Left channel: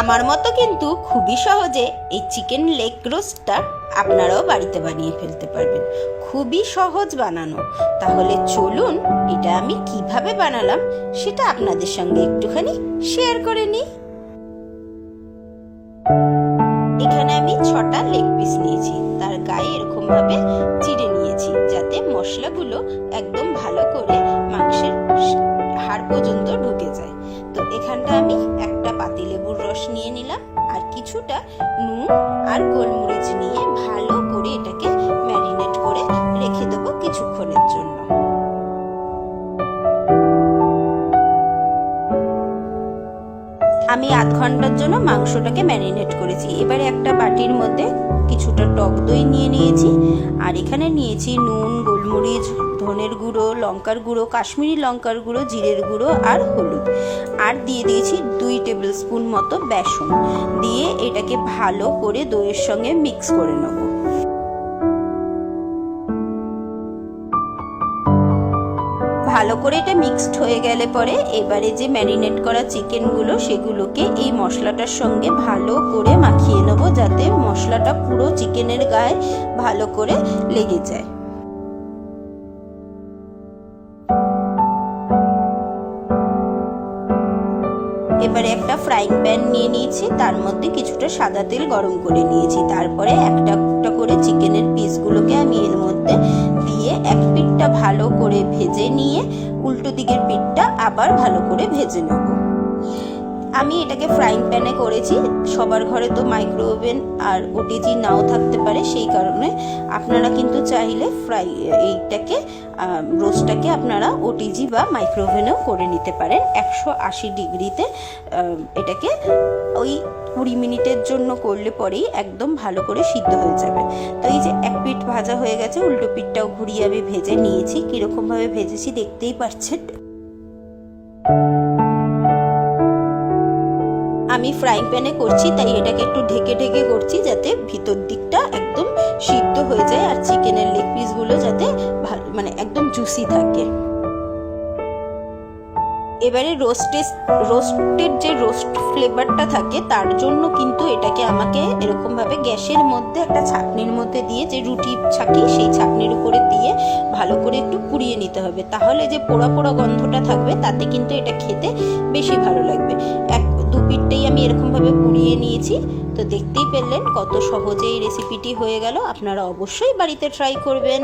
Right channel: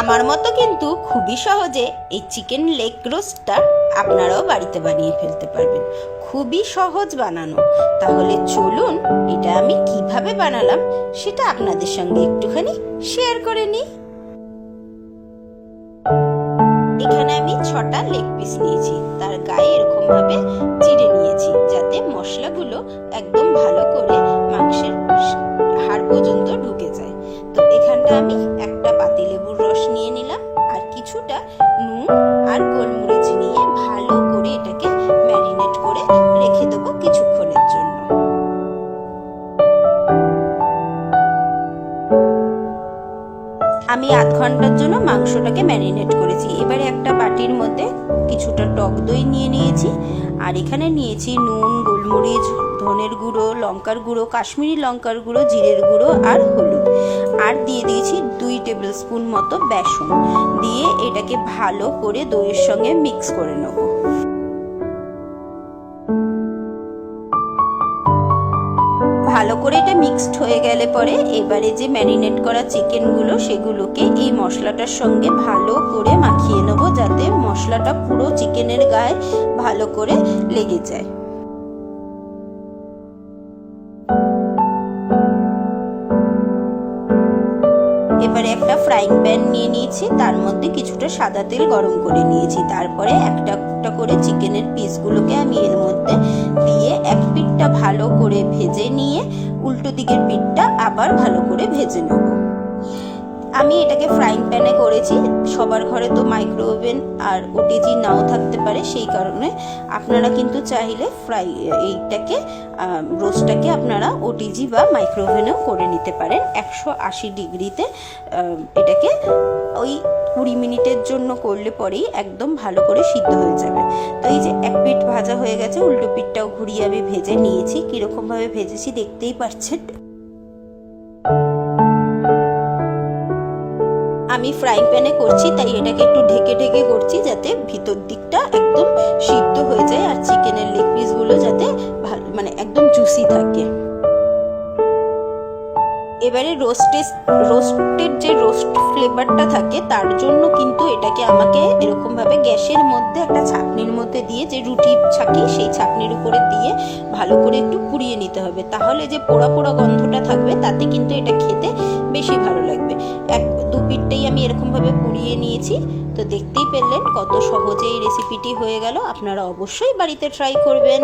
আমার মতো কিন্তু খুবই সহজে এই চিকেন লেগ রোস্টটা আপনারাও বাড়িতে বানিয়ে ফেলতে পারবেন। খুবই সহজ বানানো। তাহলে চলুন এটা আমি কীভাবে বানালাম সেটা আপনাদের সঙ্গে একটুখানি শেয়ার করে নিই। এখানে আমি ছটা লেগ পিস নিয়েছি। তার গায়ে এরকম ভাবে চিড়ে নিয়েছি যাতে মশলাগুলো একদম ভালো করে মাংসের হাড় পর্যন্ত ঢুকে যায়। তো এখানটা আমি একটা পাতিলেবুর রস নিয়ে নিলাম আর কিছুটা নুন আর গোলমরিচ নিয়ে ভালো করে এটাকে ম্যারিনেট করে রেখে দেবো কিছুক্ষণের জন্য। আমি আধ ঘণ্টার জন্য মাংসটাকে ম্যারিনেট করেছি। এবারে একটা বাটির মধ্যে কিছুটা টক দই নিয়ে নিয়েছি আর এখানে নিয়েছি নুন, গোলমরিচ ধনের গুঁড়ো, লঙ্কার গুঁড়ো, কাশ্মীরি লঙ্কার গুঁড়ো, জিরের গুঁড়ো আর হলুদ। আর দিয়ে দিয়েছি দুই টেবিল স্পুন মতো বেসন। দিয়ে এটাকে ভালো করে দইয়ের সঙ্গে মিক্স করে নেব। ভালো করে এটা মিক্সড হয়ে গেলে পরে এবারে যে ম্যারিনেট করা চিকেনগুলো, সেগুলোকে এই মশলাটার সঙ্গে ভালো করে মাখিয়ে নেব যাতে মশলাটা পুরো চিকেনের গায়ে ভালো করে লেগে যায়। এবারে একটা ফ্রাইং প্যান নিয়ে নিয়েছি, তার মধ্যে কিছুটা সাদা তেল গরম করে নিয়েছি। তারপরে একটা একটা করে চিকেনের পিসগুলোকে আমি এর মধ্যে দিয়ে এক পিঠটা ভালো করে ভেজে নিয়ে উল্টো দিকের পিঠটা আবার ভালো করে ভেজে নেব। আমি এটাকে ফ্রাইং প্যানে করেছি। সবার ঘরে তো মাইক্রো ওভেন আর ওটিজি নাও থাকতে পারে, সেই কারণে আপনারা কিন্তু চাইলে ফ্রাই এইটাকে রোস্টটাকে আপনারা ওটিজি বা মাইক্রো ওভেনেও করে নিতে পারেন। একশো আশি ডিগ্রিতে এটাকে ওই কুড়ি মিনিটের জন্য করলে পরেই একদম ভালো করে সিদ্ধ হয়ে যাবে। তো এই যে এক পিঠ ভাজা হয়ে গেছে, উল্টো পিঠটাও ঘুরিয়ে আমি ভেজে নিয়েছি। কীরকমভাবে ভেজেছি দেখতেই পাচ্ছেন। আমি ফ্রাইং প্যানে করছি, তাই এটাকে একটু ঢেকে ঢেকে করছি যাতে ভিতর দিকটা একদম সিদ্ধ হয়ে যায় আর চিকেনের লেগ পিসগুলো যাতে মানে একদম জুসি থাকে। এবারে রোস্টে রোস্টেড যে রোস্ট ফ্লেভারটা থাকে, তার জন্য কিন্তু এটাকে আমাকে এরকমভাবে গ্যাসের মধ্যে একটা ছাকনির মধ্যে দিয়ে, যে রুটি ছাকি, সেই ছাকনির উপরে দিয়ে ভালো করে একটু পুড়িয়ে নিতে হবে। তাহলে যে পোড়া পোড়া গন্ধটা থাকবে, তাতে কিন্তু এটা খেতে বেশি ভালো লাগবে। এক পিঠটাই আমি এরকমভাবে পুড়িয়ে নিয়েছি। তো দেখতেই পেলেন কত সহজে এই রেসিপিটি হয়ে গেল। আপনারা অবশ্যই বাড়িতে ট্রাই করবেন।